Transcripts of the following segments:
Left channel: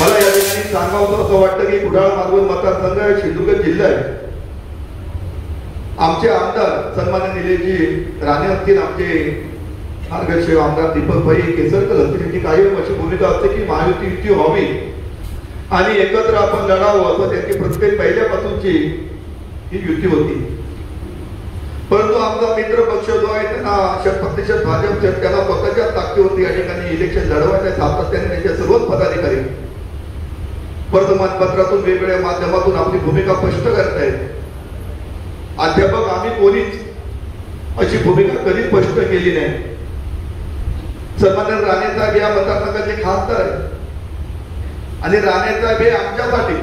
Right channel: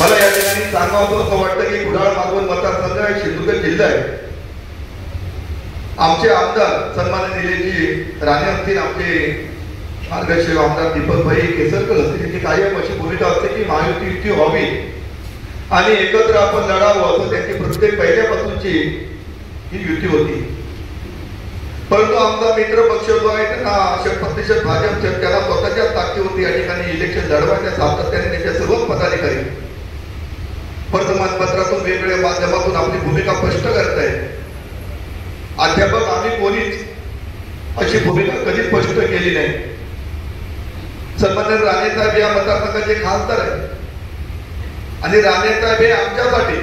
मला या ठिकाणी सांगावं असं वाटतं की कुडाळ मालवण मतदारसंघ आहे, सिंधुदुर्ग जिल्हा आहे. आमचे आमदार सन्माननीय निलेशजी राणे असतील, आमचे मार्गदर्शक आमदार दीपकभाई केसरकर असतील, त्यांची कायम अशी भूमिका असते की महायुती व्हावी आणि एकत्र आपण लढावं असं त्यांची प्रत्येक पहिल्यापासूनची ही युती होती. परंतु आमचा मित्र पक्ष जो आहे त्यांना 100% भाजप त्याला स्वतःच्या ताकदीवरती या ठिकाणी इलेक्शन लढवायच्या सातत्याने त्यांच्या सर्वच पदाधिकारी वर्तमानपत्रातून वेगवेगळ्या माध्यमातून आपली भूमिका स्पष्ट करतायत. अध्यापक आम्ही कोणीच अशी भूमिका कधी स्पष्ट केली नाही. सन्माननीय राणे साहेब या मतदारसंघाचे खासदार आहेत आणि राणे साहेब हे आमच्यासाठी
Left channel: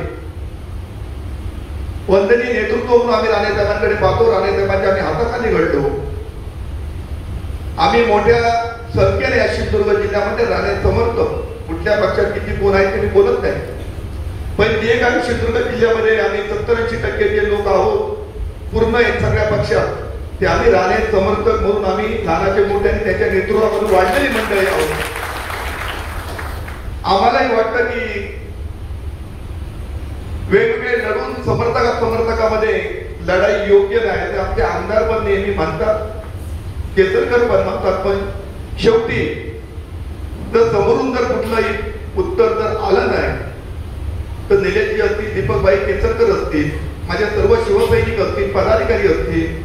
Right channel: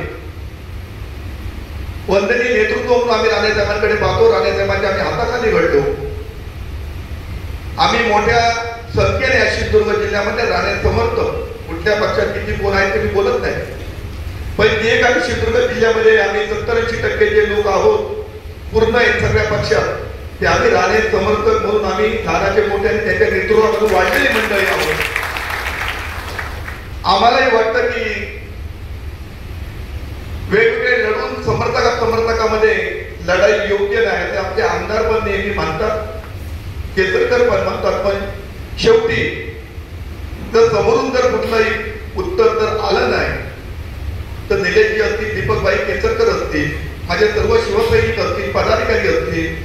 वंदनीय नेतृत्व म्हणून आम्ही राणे साहेबांकडे पाहतो. राणे साहेबांच्या आम्ही हाताखाली घडलो. आम्ही मोठ्या संख्येने या सिंधुदुर्ग जिल्ह्यामध्ये राणे समर्थक, कुठल्या पक्षात किती कोण आहेत ते मी बोलत नाही, पण जे काही सिंधुदुर्ग जिल्ह्यामध्ये आम्ही 70-80% जे लोक आहोत पूर्ण सगळ्या पक्षात ते आम्ही राणे समर्थक म्हणून आम्ही लहानाचे मोठे आणि त्यांच्या नेतृत्वामधून वाढलेली मंडळी आहोत. आम्हालाही वाटतं की वेगवेगळे लढून समर्थकामध्ये लढाई योग्य नाही, तर आमचे आमदार पण नेहमी म्हणतात, केसरकर पण म्हणतात, पण शेवटी जर समोरून जर कुठलंही उत्तर जर आलं नाही तर निलेशजी असतील, दीपकभाई केसरकर असतील, माझ्या सर्व शिवसैनिक असतील, पदाधिकारी असतील,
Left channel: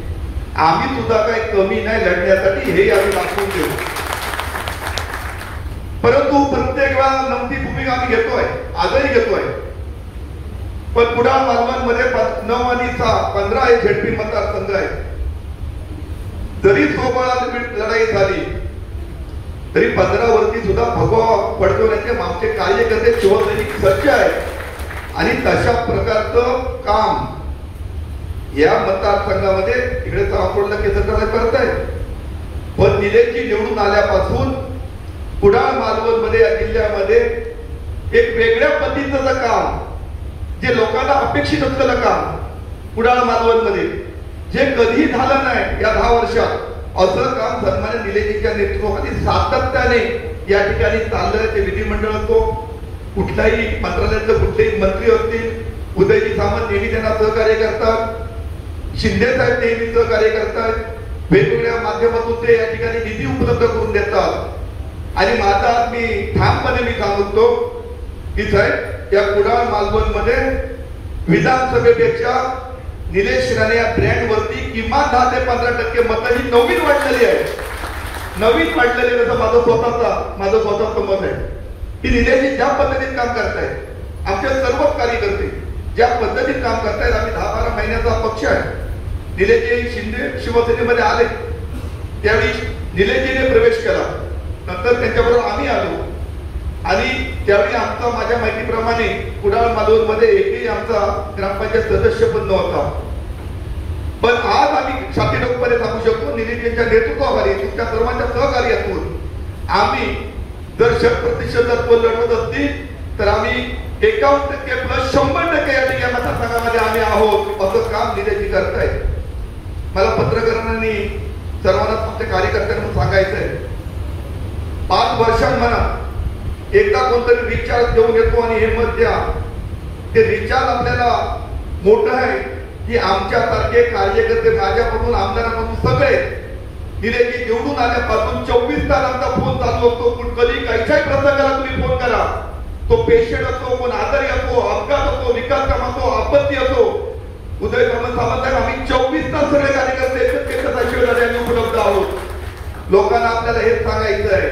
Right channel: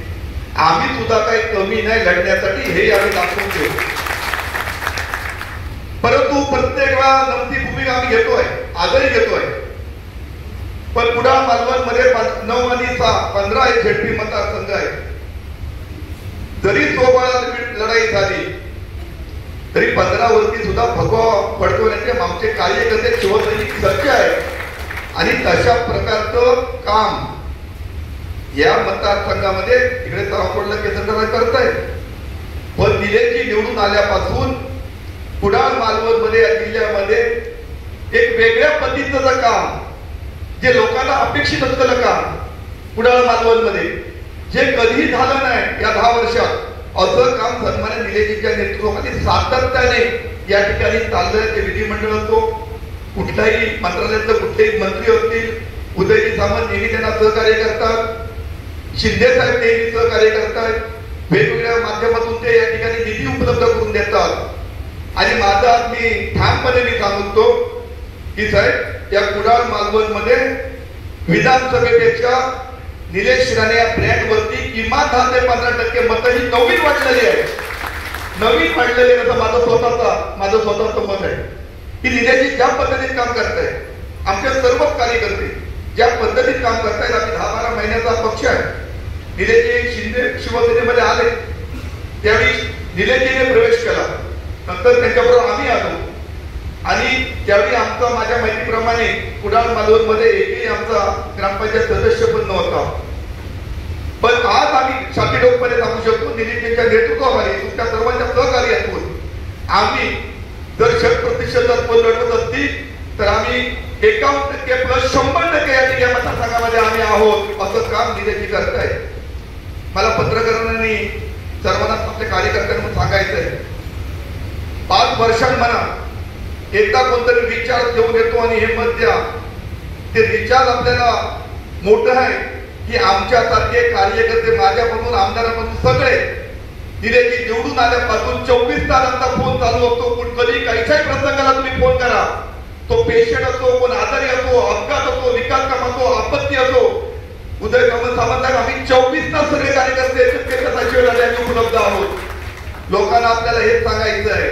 आम्ही सुद्धा काही कमी नाही लढण्यासाठी, हे आम्ही दाखवून देऊ. परंतु प्रत्येक वेळा नमती भूमिका आम्ही घेतोय, आजही घेतोय. पण कुडाळ मालवण मध्ये 9 आणि 6 15 हे झेडपी मतदारसंघ आहे. जरी सोबत लढाई झाली तरी 15 वरती सुद्धा भगवा फडकवण्याचे आमचे कार्यकर्ते शिवसैनिक सज्ज आहेत आणि तशा प्रकारचं काम या मतदारसंघामध्ये तिकडे तारापूरला केंद्र करतायत. पण निलेशजी निवडून आल्यापासून कुडाळ मालवण मध्ये या जिल्ह्यामध्ये एक वेगळ्या पद्धतीचं काम, जे लोकांना अपेक्षित असलेलं काम कुडाळ मालवण मध्ये जे कधी झालं नाही या 10 वर्षात, असं काम सन्मान्य निलेशजीच्या नेतृत्वाखाली सातत्याने या ठिकाणी चाललंय. ते विधिमंडळ असो, कुठल्याही मंत्रालयातलं कुठलेही मंत्री असतील, उदयजी सामंत नेहमी त्यांना सहकार्य करतात, शिंदे साहेब नेहमी सहकार्य करतात, वेगवेगळ्या माध्यमातून ते या ठिकाणी निधी उपलब्ध करून देतात. आणि माझा आज मी ठामपणे सांगतो की साहेब या कुडाळ मालवण मध्ये विधानसभेपेक्षा निलेश राणे या ब्रँड वरती किमान 10 ते 15% मतं ही नवीन वाढलेली आहे. नवीन वाढलेली आहे, माझं स्वतःचं मत आहे की निलेशजी ज्या पद्धतीत काम करतायत, आमच्या सर्व कार्यकर्ते ज्या पद्धतीत काम करतायत. आम्ही 10-12 महिन्याचा पक्ष आहे. निलेशजी शिंदे शिवसेनेमध्ये आले त्यावेळी निलेशजीने प्रवेश केला, नंतर त्यांच्याबरोबर आम्ही आलो आणि त्यावेळी आमचा माझ्या माहितीप्रमाणे कुडाळ मालवण मध्ये एकही आमचा ग्रामपंचायत सदस्य पण नव्हता. पण आज आम्ही छातीडोकपणे सांगू शकतो निलेशजींच्या नेतृत्वाखाली, तुमच्या सर्वांच्या सहकार्यातून आम्ही जर 100% लढवत असतील तर आम्ही 51% प्लस 100% या ठिकाणी मतदारसंघामध्ये आम्ही आहोत. असं काम निलेशजी करतायत. मला पत्रकारांनी सर्वांना आमच्या कार्यकर्त्यांना सांगायचंय, 5 वर्षांना एकदा कोणतरी रिचार्ज घेऊन येतो आणि हे मत द्या. ते रिचार्ज आपल्याला मोठं आहे की आमच्यासारखे कार्यकर्ते, माझ्यापासून आमदारापासून सगळे निलेशजी निवडून आल्यापासून 24 तासांचा फोन चालू असतो. कधी काहीच्याही प्रसंगाला तुम्ही फोन करा, तो पेशंट असो, कोण आजारी असो, अपघात असो, विकास काम असो, आपत्ती असो, उदय सामंत आम्ही 24 तास सगळे कार्यकर्ते उपलब्ध आहोत. लोकांना आपल्याला हेच सांगायचं आहे,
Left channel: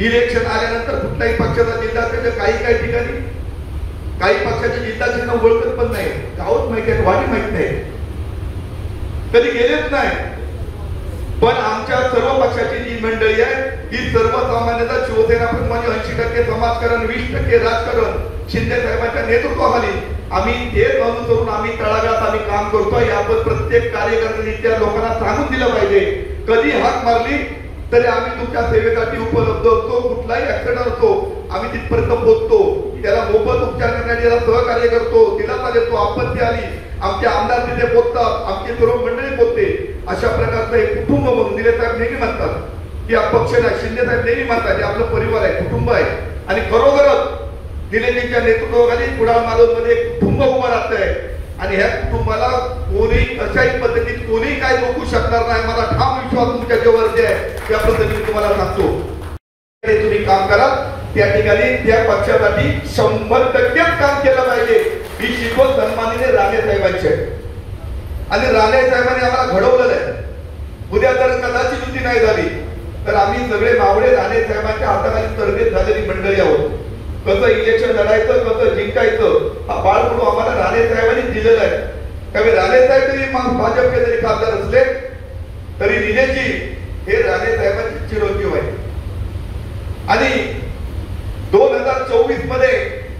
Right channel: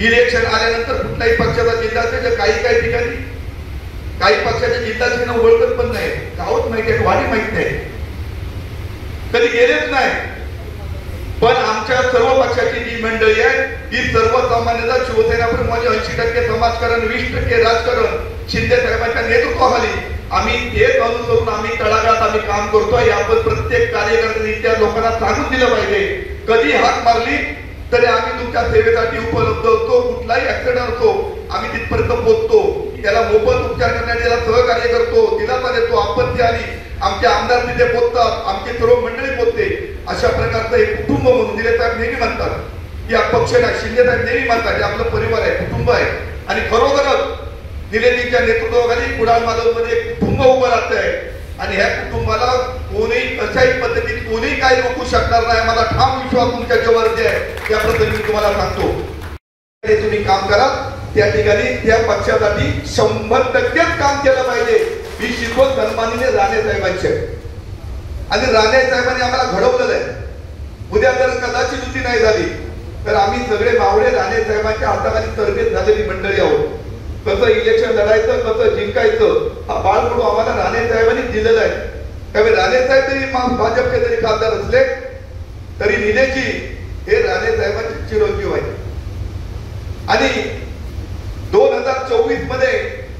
इलेक्शन आल्यानंतर कुठल्याही पक्षाचा जिल्हा असेल, काही ठिकाणी काही पक्षाच्या जिल्ह्याचे नाव ओळखत पण नाही, गावच माहिती आहे, वाडी माहित नाही, कधी गेलेच नाही. पण आमच्या सर्व पक्षाची जी मंडळी आहे ती सर्वसामान्यता शिवसेना प्रमाणे 80% समाजकारण, 20% राजकारण शिंदे साहेबांच्या नेतृत्वाखाली आम्ही एक अनुसरून आम्ही तळागाळात आम्ही काम करतोय. आपण प्रत्येक कार्यकर्त्यांनी त्या लोकांना सांगून दिलं पाहिजे, कधी हाक मारली तरी आम्ही तुमच्या सेवेसाठी उपलब्ध असतो. कुठलाही ऍक्सिडेंट असतो आम्ही तिथपर्यंत पोहोचतो, त्याला मोफत उपचार करण्यासाठी सहकार्य करतो, दिलासा देतो. आपत्ती आली आमचे आमदार तिथे पोहोचतात, आमची सर्व मंडळी पोहोचते. अशा प्रकारचं एक कुटुंब म्हणून निलेश साहेब नेहमी म्हणतात की अपक्ष नाही, शिंदे साहेब नेहमी म्हणतात आपलं परिवार आहे, कुटुंब आहे. आणि खरोखरच निलेजीच्या नेतृत्वाखाली कुडाळ मालवणमध्ये एक कुटुंब उभं राहत आहे आणि ह्या कुटुंबाला कोणी कशाही पद्धतीत कोणी काही रोखू शकणार नाही. मला ठाम विश्वास तुमच्या जीवावरती आहे. त्याबद्दल मी तुम्हाला सांगतो तुम्ही काम करा. त्या ठिकाणी त्या पक्षासाठी 100% काम केलं पाहिजे ही शिकवण सन्माननीय राणे साहेबांची आहे आणि राणे साहेबांनी आम्हाला घडवलेलं आहे. उद्या जर कदाचित युती नाही झाली तर आम्ही सगळे मावळे राणे साहेबांच्या हाताखाली तरबेज झालेली मंडळी आहोत. कसं इलेक्शन लढायचं कसं जिंकायचं हा बाळकडू आम्हाला राणे साहेबांनी दिलेला आहे. त्यामुळे राणे साहेब जरी भाजपचे जरी खासदार असले तरी निलेजी हे राणे साहेबांचे चिरंजीव आहे. आणि 2024 मध्ये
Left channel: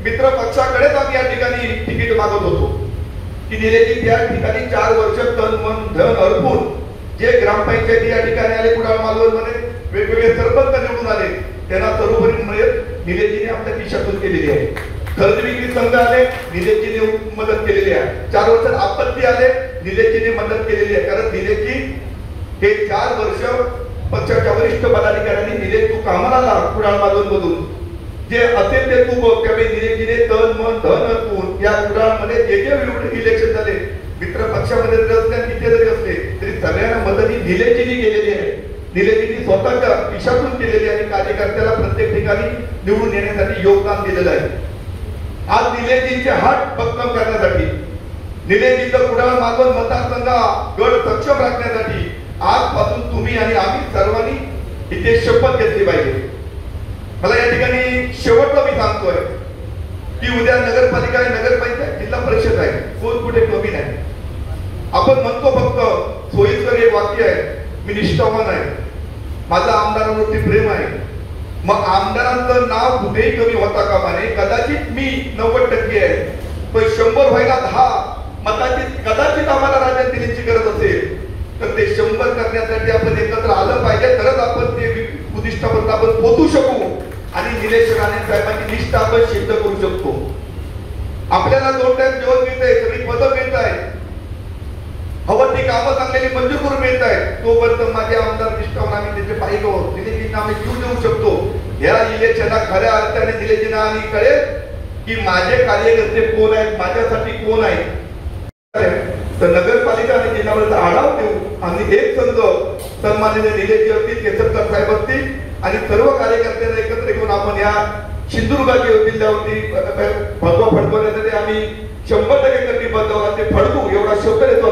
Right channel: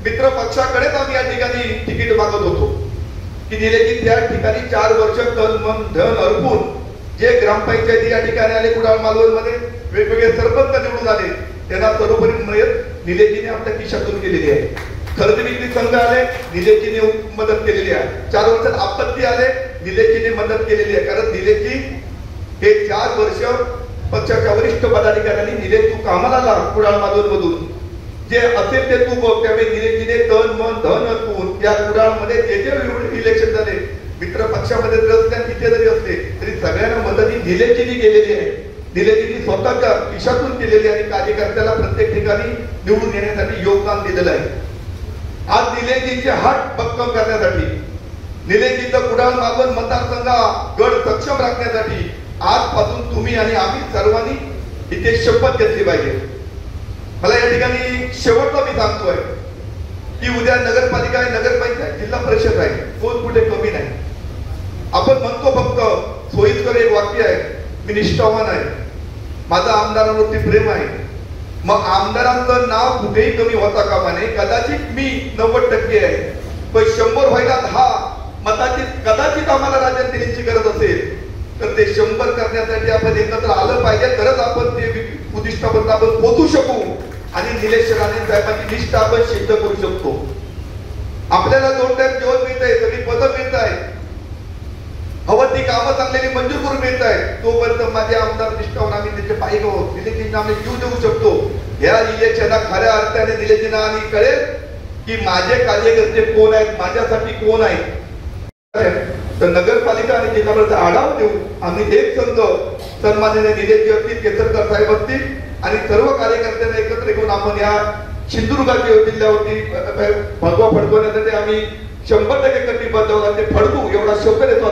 मित्र पक्षाकडेच आम्ही या ठिकाणी तिकीट मागत होतो की निलेजी त्या ठिकाणी 4 वर्ष तन मन धन अर्पून जे ग्रामपंचायती या ठिकाणी आले कुडाळ मालवण मध्ये वेगवेगळे सरपंच निवडून आले त्यांना सर्वोपरी निलेजीने आपल्या खिशातून केलेली आहे. खरेदी विक्री संघ आले निलेजीने मदत केलेली आहे. 4 वर्षात आपत्ती आले निलेजीने मदत केलेली आहे. कारण निलेजी हे 4 वर्ष पक्षाच्या वरिष्ठ पदाधिकाऱ्यांनी निलेश तू कामाला लाग कुडाळ मालवण मधून जे असेल ते तू बघ. त्यामुळे निलेजीने तन मन धन अर्पून या कुडाळमध्ये जे जे इलेक्शन झाले मित्र पक्षामध्ये तिथे जरी असले तरी सगळ्यांना मदत ही निलेजीने केलेली आहे. निलेजीने स्वतःच्या खिशातून केलेली आहे. कार्यकर्त्याला प्रत्येक ठिकाणी निवडून येण्यासाठी योगदान दिलेलं आहे. आज निलेजींचे हात भक्कम करण्यासाठी निलेजीचं कुडाळ मालवण मतदारसंघ गड सक्षम राखण्यासाठी आजपासून तुम्ही आणि आम्ही सर्वांनी इथे शपथ घेतली पाहिजे. मला या ठिकाणी शेवटचं मी सांगतोय की उद्या नगरपालिका आहे नगरपंचायत जिल्हा परिषद आहे कोण कुठे कमी नाही. आपण म्हणतो फक्त सोयीस्कर एक वाक्य आहे मी निष्ठावान आहे माझं आमदारांवरती प्रेम आहे. मग आमदारांचं नाव कुठेही कमी होता कामा नये. कदाचित मी 90% आहे पण 100 व्हायला 10 मताची कदाचित आम्हाला राज्यात दिल्याची गरज असेल तर ते 100 करण्यासाठी आपण एकत्र आलं पाहिजे तरच आपण ते उद्दिष्टापर्यंत आपण पोहोचू शकू आणि निलेश राणे साहेबांची निष्ठा आपण सिद्ध करू शकतो. आपल्याला 2 टाइम जेवण मिळत आहे सगळी पदं मिळत आहे हवं ती कामं चांगलेली मंजूर करून मिळत आहे. तोपर्यंत माझे आमदार निष्ठावून आम्ही त्याचे पाहिजे आहोत. निलेजींना आम्ही जीव देऊ शकतो. या इलेक्शनात खऱ्या अर्थाने निलेजींना आणि कळेल की माझे कार्यकर्ते कोण आहेत माझ्यासाठी कोण आहेत. तर नगरपालिका आणि जिल्ह्यावरचा आढावा देऊ आम्ही एक संघ सन्माननीय निलेजी असतील केसरकर साहेब असतील आणि सर्व कार्यकर्त्यांना एकत्र घेऊन आपण या सिंधुदुर्गाच्या जिल्ह्यावरती भगवा फडकवण्यासाठी आम्ही 100% कटिबद्ध आहोत. ते फडकू एवढा शब्द देतो.